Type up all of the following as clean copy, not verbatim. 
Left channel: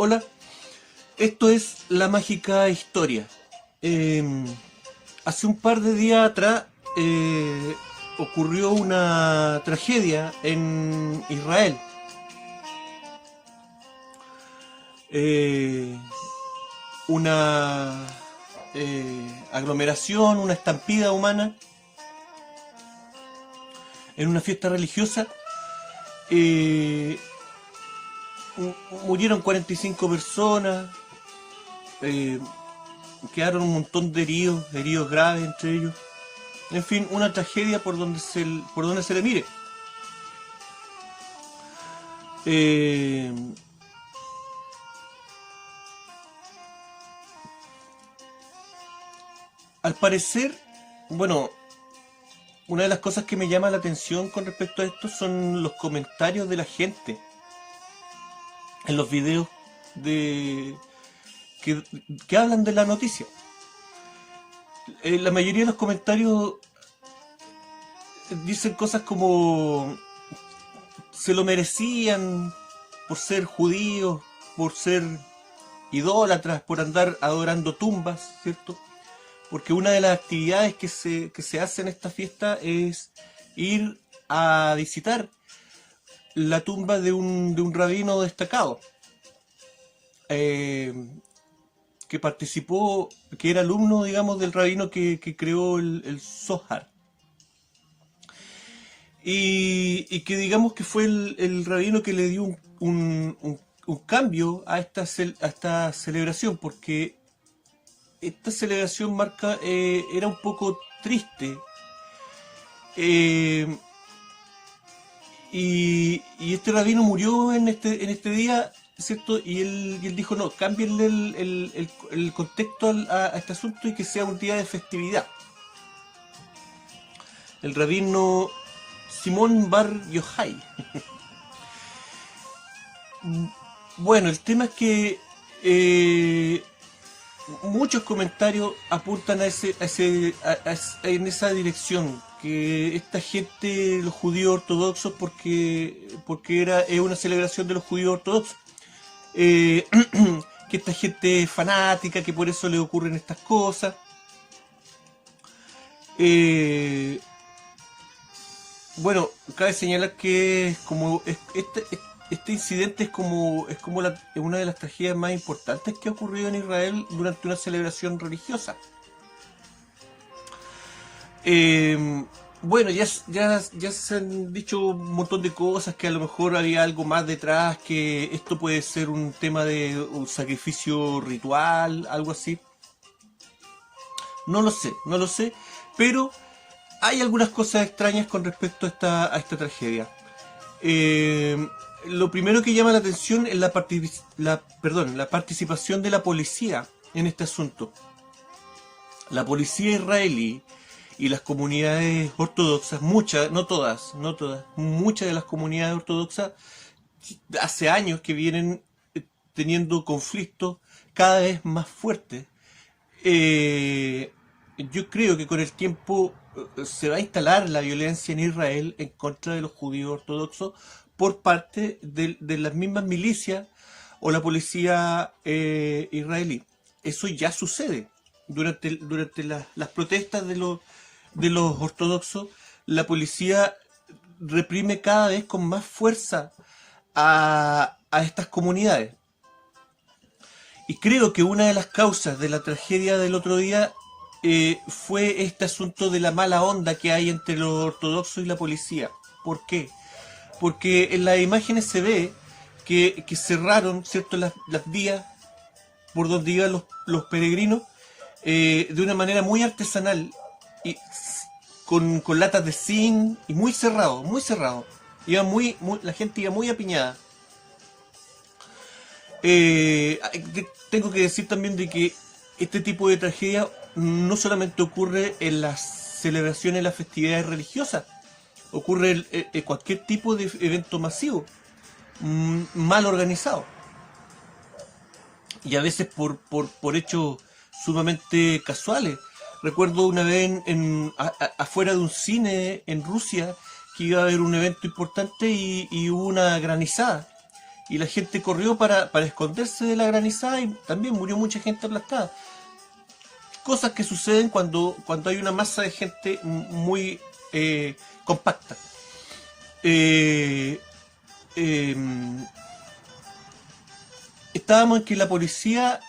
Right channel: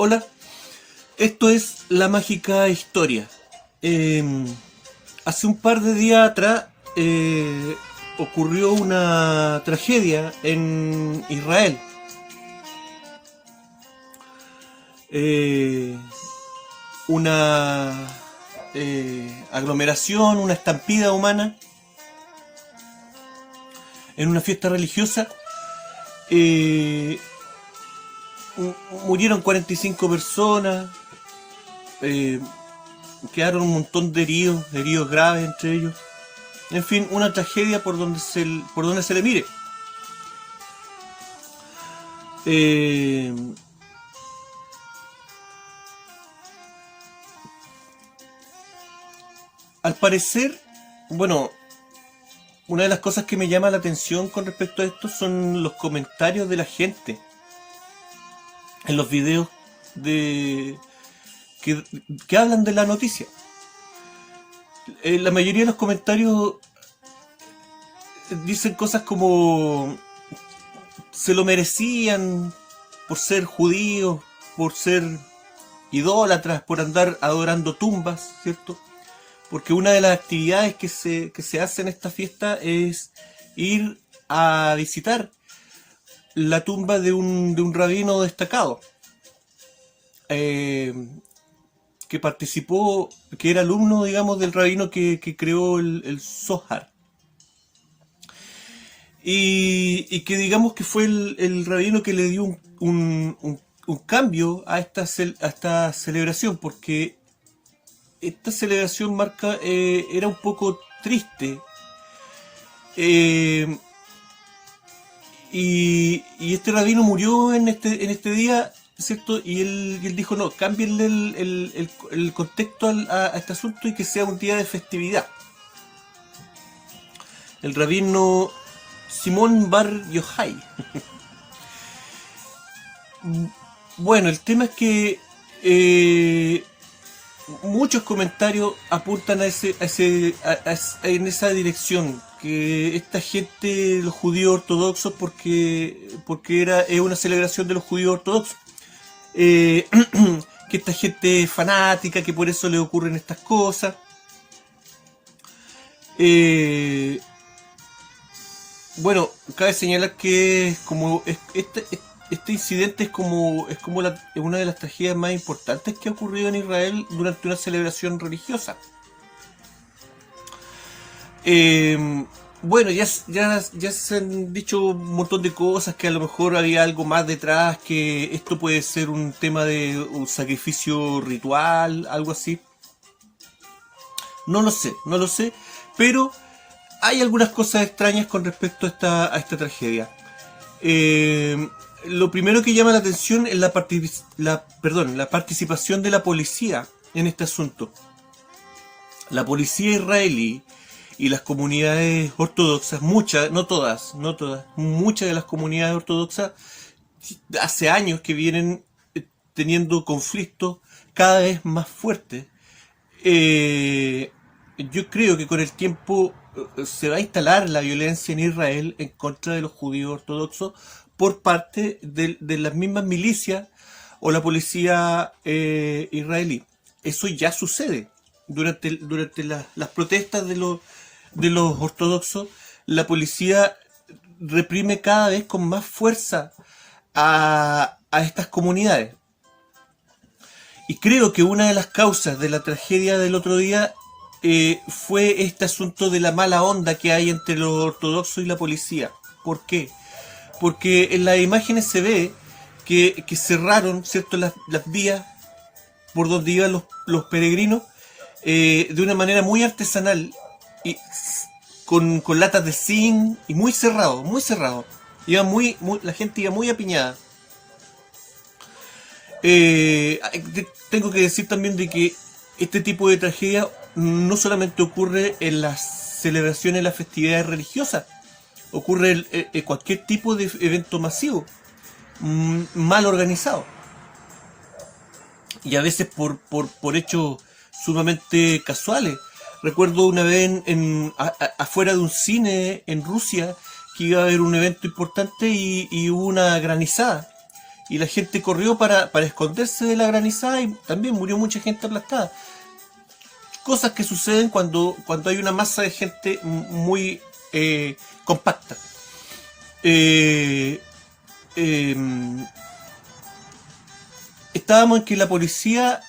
Hola, esto es La Mágica Historia. Eh, Hace un par de días atrás ocurrió una tragedia en Israel. Eh, una aglomeración, una estampida humana en una fiesta religiosa. Eh, Murieron 45 personas, eh, quedaron un montón de heridos graves entre ellos. En fin, una tragedia por donde se le mire. Eh, Al parecer, bueno, una de las cosas que me llama la atención con respecto a esto son los comentarios de la gente en los videos de que, que hablan de la noticia. La mayoría de los comentarios dicen cosas como se lo merecían por ser judíos, por ser idólatras, por andar adorando tumbas, ¿cierto? Porque una de las actividades que se hace en esta fiesta es ir a visitar la tumba de un rabino destacado, eh, que participó, que era alumno, digamos, del rabino que creó el Zohar. Y que digamos que fue el rabino que le dio un cambio a esta celebración, porque esta celebración era un poco triste. eh, y este rabino murió en este día, ¿cierto? Y él dijo, no, cámbienle el contexto a este asunto y que sea un día de festividad. El rabino Simón Bar Yochai. Bueno, el tema es que muchos comentarios apuntan en esa dirección, que esta gente, los judíos ortodoxos, porque es una celebración de los judíos ortodoxos, eh, que esta gente es fanática, que por eso le ocurren estas cosas. Eh, bueno, cabe señalar que este incidente es como una de las tragedias más importantes que ha ocurrido en Israel durante una celebración religiosa. Eh, bueno, ya se han dicho un montón de cosas, que a lo mejor había algo más detrás, que esto puede ser un tema de un sacrificio ritual, algo así. No lo sé, pero hay algunas cosas extrañas con respecto a esta tragedia. Lo primero que llama la atención es la participación de la policía en este asunto. La policía israelí y las comunidades ortodoxas, muchas, no todas, muchas de las comunidades ortodoxas hace años que vienen teniendo conflictos cada vez más fuertes. Yo creo que con el tiempo se va a instalar la violencia en Israel en contra de los judíos ortodoxos por parte de las mismas milicias o la policía israelí. Eso ya sucede durante las protestas de los ortodoxos. La policía reprime cada vez con más fuerza a estas comunidades. Y creo que una de las causas de la tragedia del otro día fue este asunto de la mala onda que hay entre los ortodoxos y la policía. ¿Por qué? Porque en las imágenes se ve que cerraron, ¿cierto?, las vías por donde iban los peregrinos, de una manera muy artesanal y con latas de zinc y muy cerrado, muy cerrado. La gente iba muy apiñada. Eh, Tengo que decir también de que este tipo de tragedia no solamente ocurre en las celebraciones, en las festividades religiosas, ocurre en cualquier tipo de evento masivo, mal organizado, y a veces por hechos sumamente casuales. Recuerdo una vez afuera de un cine en Rusia que iba a haber un evento importante y hubo una granizada. y la gente corrió para esconderse de la granizada y también murió mucha gente aplastada. Cosas que suceden cuando hay una masa de gente muy compacta. Estábamos en que la policía,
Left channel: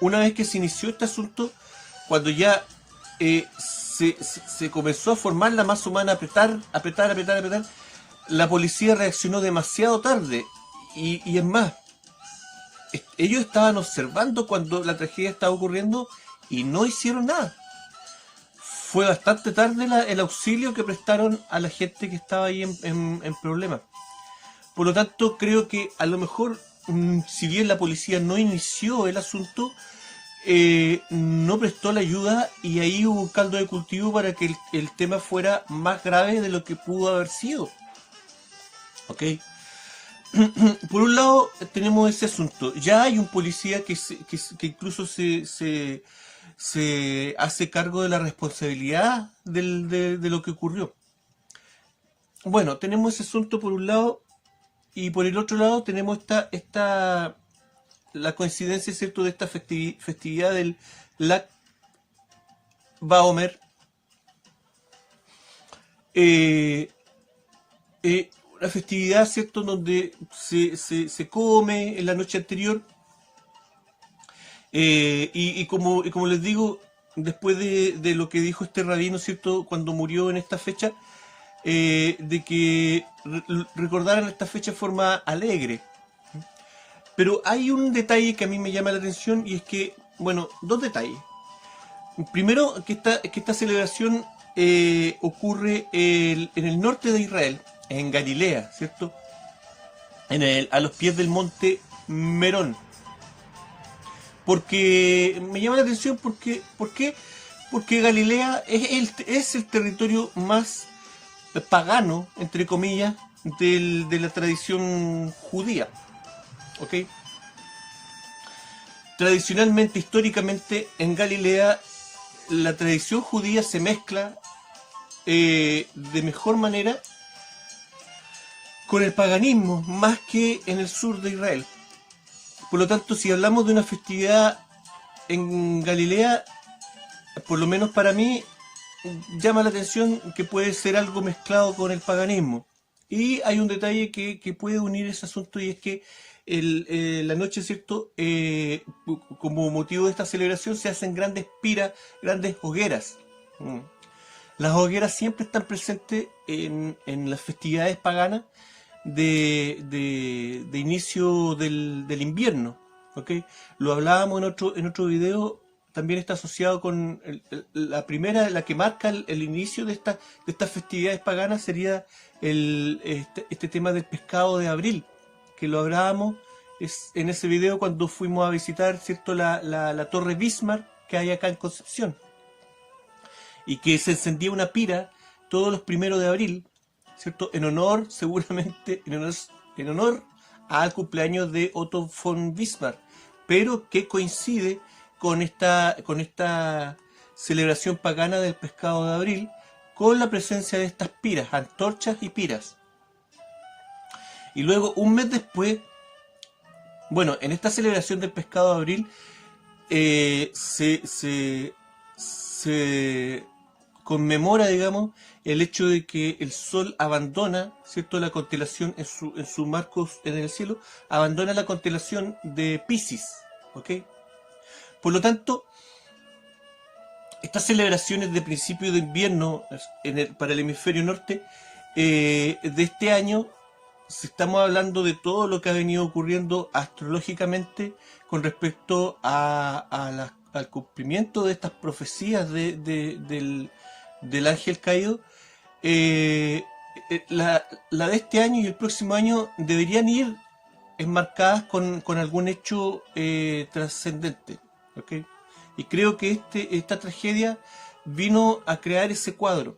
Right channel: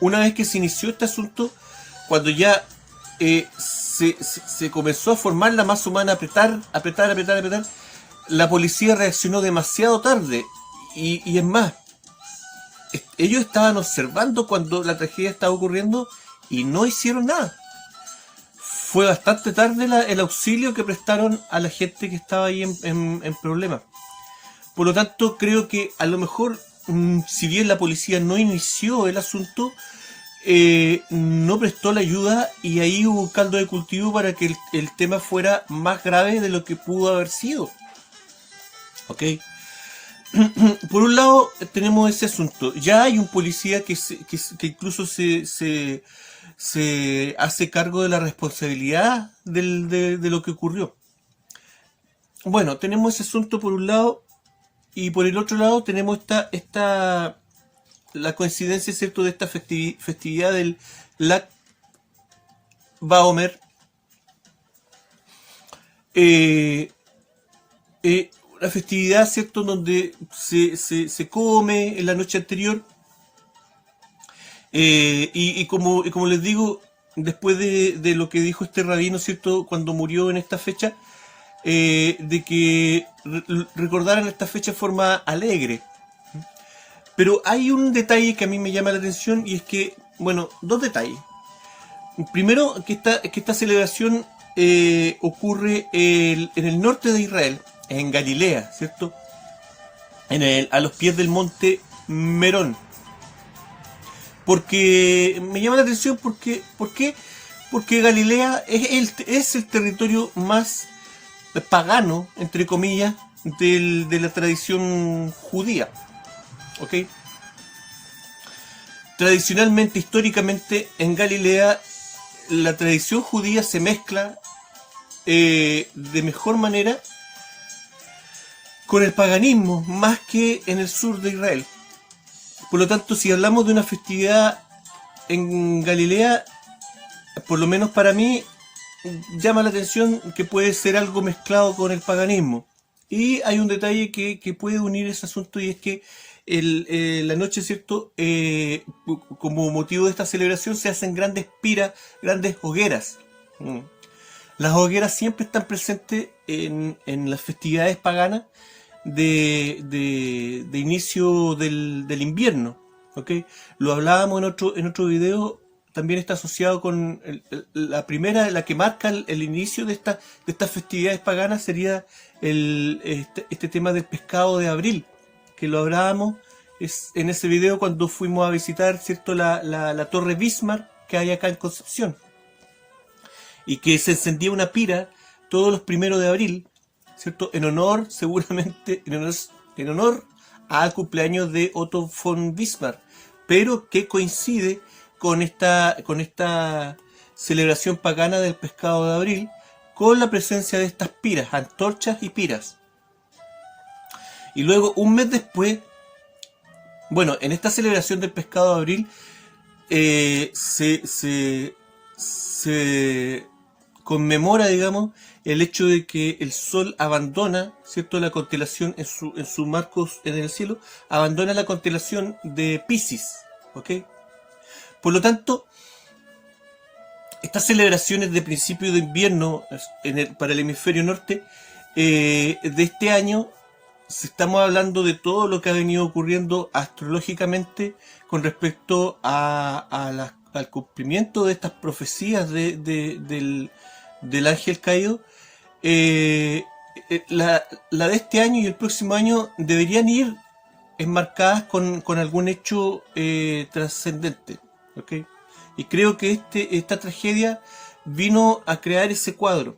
una vez que se inició este asunto, cuando ya se comenzó a formar la masa humana, apretar, la policía reaccionó demasiado tarde. Y es más, ellos estaban observando cuando la tragedia estaba ocurriendo y no hicieron nada. Fue bastante tarde el auxilio que prestaron a la gente que estaba ahí en problemas. Por lo tanto, creo que a lo mejor, si bien la policía no inició el asunto, no prestó la ayuda y ahí hubo un caldo de cultivo para que el tema fuera más grave de lo que pudo haber sido. ¿Ok? Por un lado tenemos ese asunto. Ya hay un policía que incluso se hace cargo de la responsabilidad de lo que ocurrió. Bueno, tenemos ese asunto por un lado, y por el otro lado tenemos la coincidencia, ¿cierto?, de esta festividad del Lag Baomer. Una festividad, ¿cierto?, donde se come en la noche anterior. Y como les digo, después de lo que dijo este rabino, ¿cierto?, cuando murió en esta fecha, de que recordaran esta fecha de forma alegre. Pero hay un detalle que a mí me llama la atención, y es que, bueno, dos detalles. Primero, que esta celebración ocurre en el norte de Israel, en Galilea, ¿cierto? A los pies del monte Merón. Porque me llama la atención porque Galilea es el territorio más pagano, entre comillas, de la tradición judía. ¿Ok? Tradicionalmente, históricamente, en Galilea la tradición judía se mezcla de mejor manera con el paganismo, más que en el sur de Israel. Por lo tanto, si hablamos de una festividad en Galilea, por lo menos para mí, llama la atención que puede ser algo mezclado con el paganismo. Y hay un detalle que puede unir ese asunto, y es que la noche, ¿cierto?, como motivo de esta celebración se hacen grandes piras, grandes hogueras. Las hogueras siempre están presentes en las festividades paganas de inicio del invierno. ¿Okay? Lo hablábamos en otro video. También está asociado con la primera, la que marca el inicio de estas festividades paganas, sería este tema del pescado de abril, que lo hablábamos en ese video cuando fuimos a visitar, ¿cierto?, la Torre Bismarck que hay acá en Concepción, y que se encendía una pira todos los 1 de abril, ¿cierto?, en honor, seguramente, en honor al cumpleaños de Otto von Bismarck, pero que coincide con esta celebración pagana del pescado de abril, con la presencia de estas piras, antorchas y piras. Y luego, un mes después, bueno, en esta celebración del pescado de abril, se conmemora, digamos, el hecho de que el Sol abandona, ¿cierto?, la constelación en su marcos en el cielo, abandona la constelación de Piscis, ¿ok? Por lo tanto, estas celebraciones de principio de invierno para el hemisferio norte de este año, si estamos hablando de todo lo que ha venido ocurriendo astrológicamente con respecto al cumplimiento de estas profecías del ángel caído, la de este año y el próximo año deberían ir enmarcadas con algún hecho trascendente. ¿Okay? Y creo que esta tragedia vino a crear ese cuadro.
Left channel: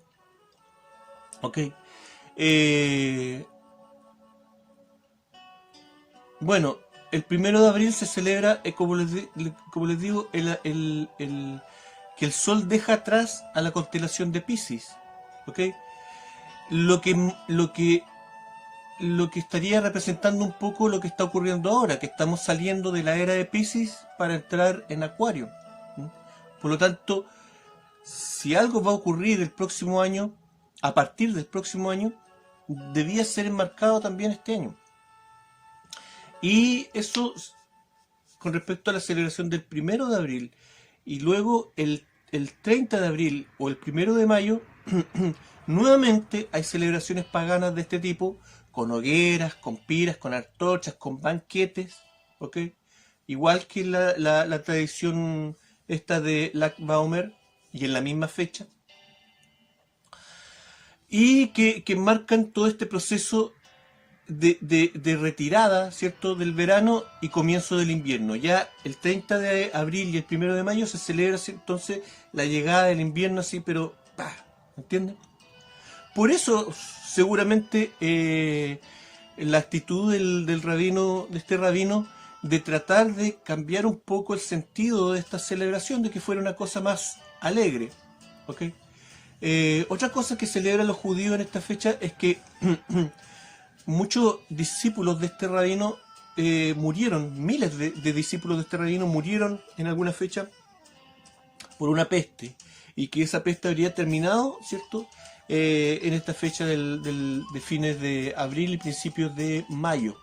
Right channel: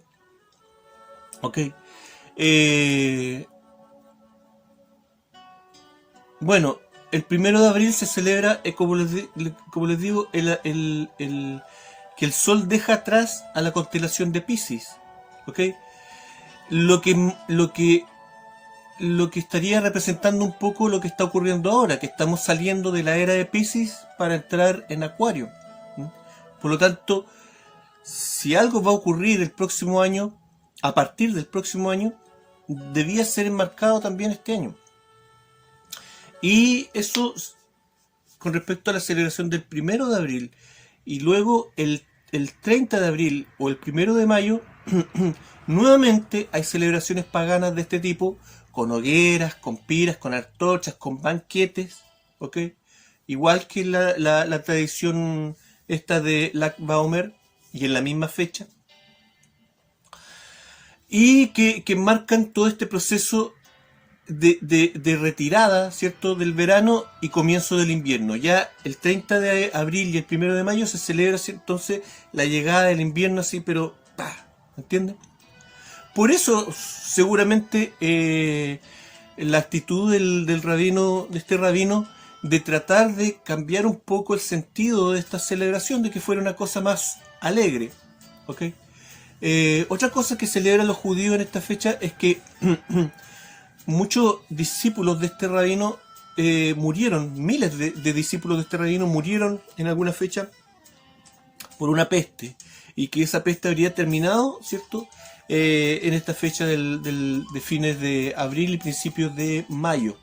¿Okay? Bueno, el 1 de abril se celebra, como les digo, que el Sol deja atrás a la constelación de Piscis. ¿Okay? Lo que lo que estaría representando un poco lo que está ocurriendo ahora, que estamos saliendo de la era de Piscis para entrar en Acuario. ¿Mm? Por lo tanto, si algo va a ocurrir el próximo año, a partir del próximo año, debía ser enmarcado también este año. Y eso con respecto a la celebración del 1 de abril, y luego el 30 de abril o el 1 de mayo, nuevamente hay celebraciones paganas de este tipo, con hogueras, con piras, con antorchas, con banquetes, ¿ok? Igual que la tradición esta de Lag Baomer, y en la misma fecha, y que marcan todo este proceso de retirada, ¿cierto?, del verano y comienzo del invierno. Ya el 30 de abril y el 1 de mayo se celebra entonces la llegada del invierno así, pero ¡pah! ¿Entienden? Por eso seguramente la actitud del rabino, de este rabino, de tratar de cambiar un poco el sentido de esta celebración, de que fuera una cosa más alegre, ¿ok? Otra cosa que celebran los judíos en esta fecha es que muchos discípulos de este rabino murieron, miles de discípulos de este rabino murieron en alguna fecha por una peste, y que esa peste habría terminado, ¿cierto?, en esta fecha de fines de abril y principios de mayo.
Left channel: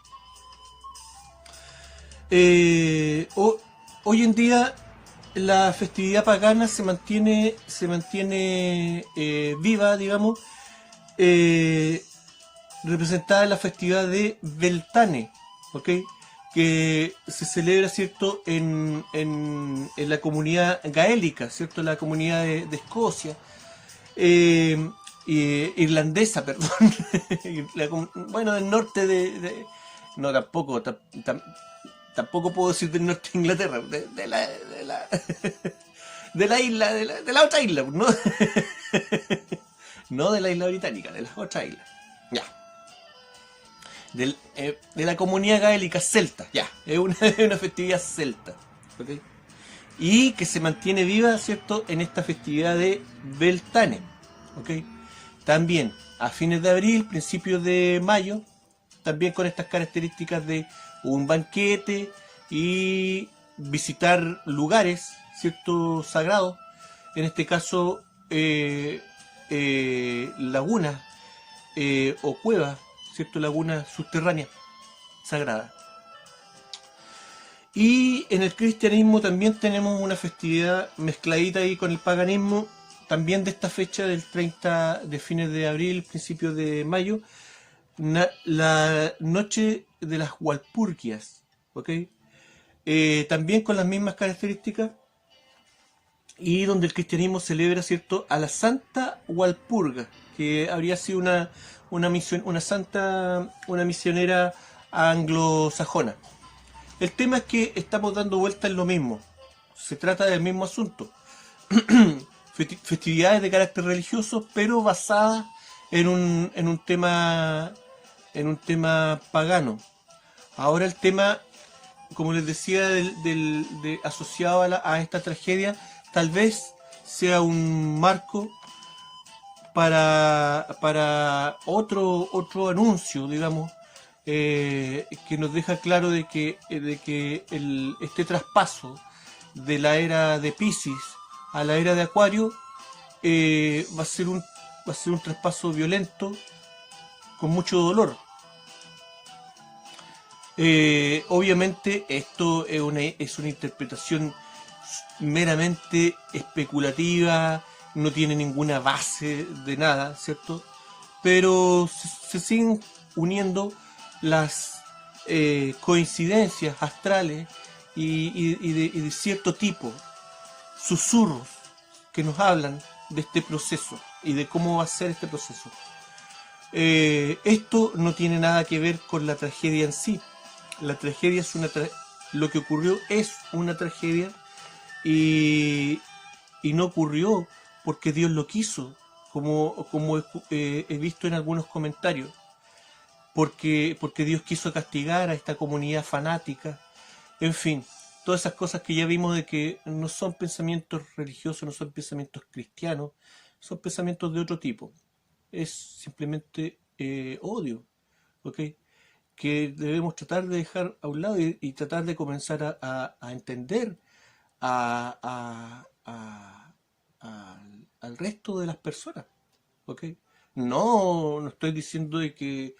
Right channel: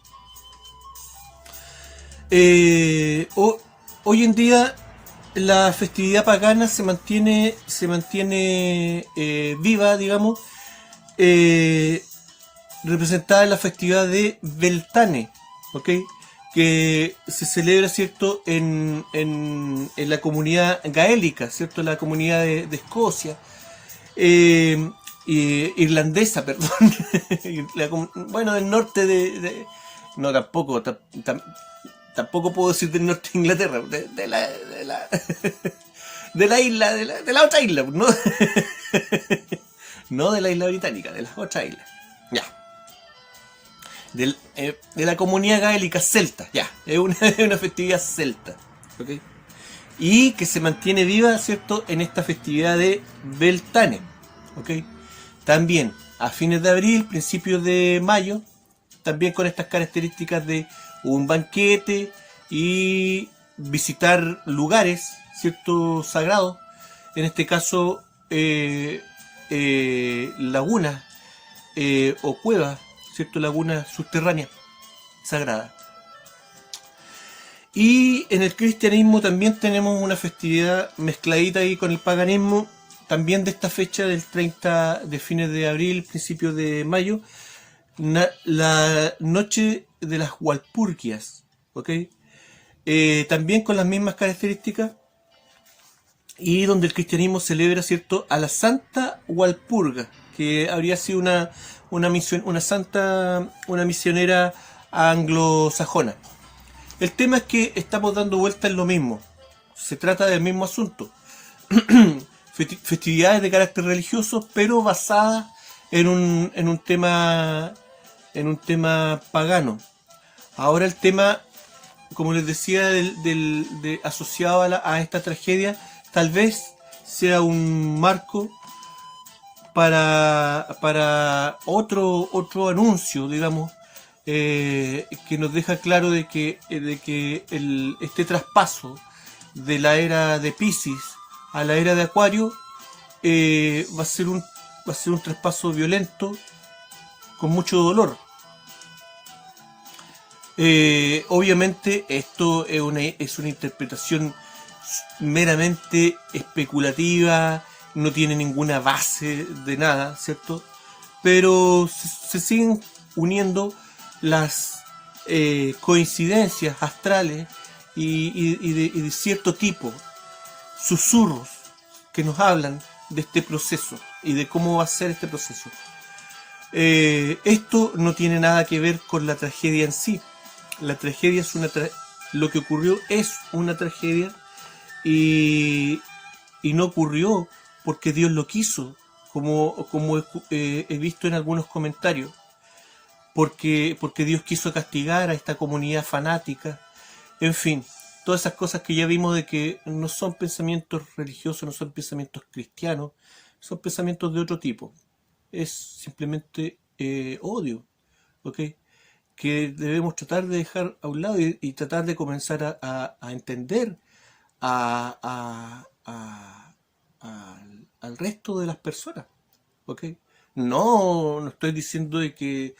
Hoy en día la festividad pagana se mantiene viva, digamos, representada en la festividad de Beltane, ¿ok? Que se celebra, ¿cierto?, en la comunidad gaélica, ¿cierto?, la comunidad de Escocia, irlandesa, perdón, bueno, del norte no, tampoco puedo decir del norte de Inglaterra, de la isla, de la otra isla, ¿no? No de la isla británica, de las otras islas. Ya. De la comunidad gaélica celta, ya. Es una festividad celta. ¿Ok? Y que se mantiene viva, ¿cierto?, en esta festividad de Beltane. ¿Ok? También a fines de abril, principios de mayo, también con estas características de un banquete y visitar lugares, ¿cierto?, sagrados. En este caso, lagunas o cuevas, ¿cierto?, lagunas subterráneas sagradas. Y en el cristianismo también tenemos una festividad mezcladita ahí con el paganismo, también de esta fecha del 30 de fines de abril, principios de mayo, la noche de las Walpurgias, ¿ok? También con las mismas características, y donde el cristianismo celebra, ¿cierto?, a la Santa Walpurga, que habría sido una misionera anglosajona. El tema es que estamos dando vuelta en lo mismo. Se trata del mismo asunto. Festividades de carácter religioso, pero basadas en un tema pagano. Ahora el tema, como les decía, asociado a esta tragedia, tal vez sea un marco para otro anuncio, digamos, que nos deja claro de que este traspaso de la era de Piscis a la era de Acuario va a ser un traspaso violento, con mucho dolor. Obviamente esto es una interpretación meramente especulativa, no tiene ninguna base de nada, ¿cierto? Pero se siguen uniendo las coincidencias astrales y de cierto tipo, susurros que nos hablan de este proceso y de cómo va a ser este proceso. Esto no tiene nada que ver con la tragedia en sí. La tragedia es lo que ocurrió es una tragedia, y no ocurrió porque Dios lo quiso, como he visto en algunos comentarios, porque Dios quiso castigar a esta comunidad fanática. En fin, todas esas cosas que ya vimos de que no son pensamientos religiosos, no son pensamientos cristianos, son pensamientos de otro tipo. Es simplemente odio, ¿ok? Que debemos tratar de dejar a un lado y tratar de comenzar a entender a, al resto de las personas, ¿ok? No estoy diciendo de que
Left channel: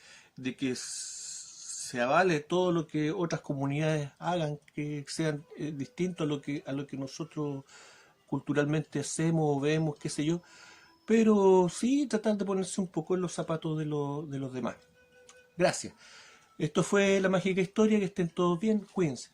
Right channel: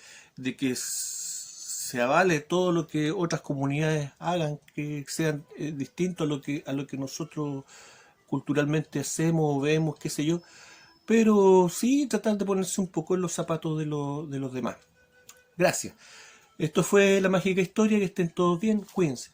se avale todo lo que otras comunidades hagan, que sean distintos a lo que nosotros culturalmente hacemos o vemos, qué sé yo, pero sí tratar de ponerse un poco en los zapatos de los demás. Gracias. Esto fue La Mágica Historia, que estén todos bien, cuídense.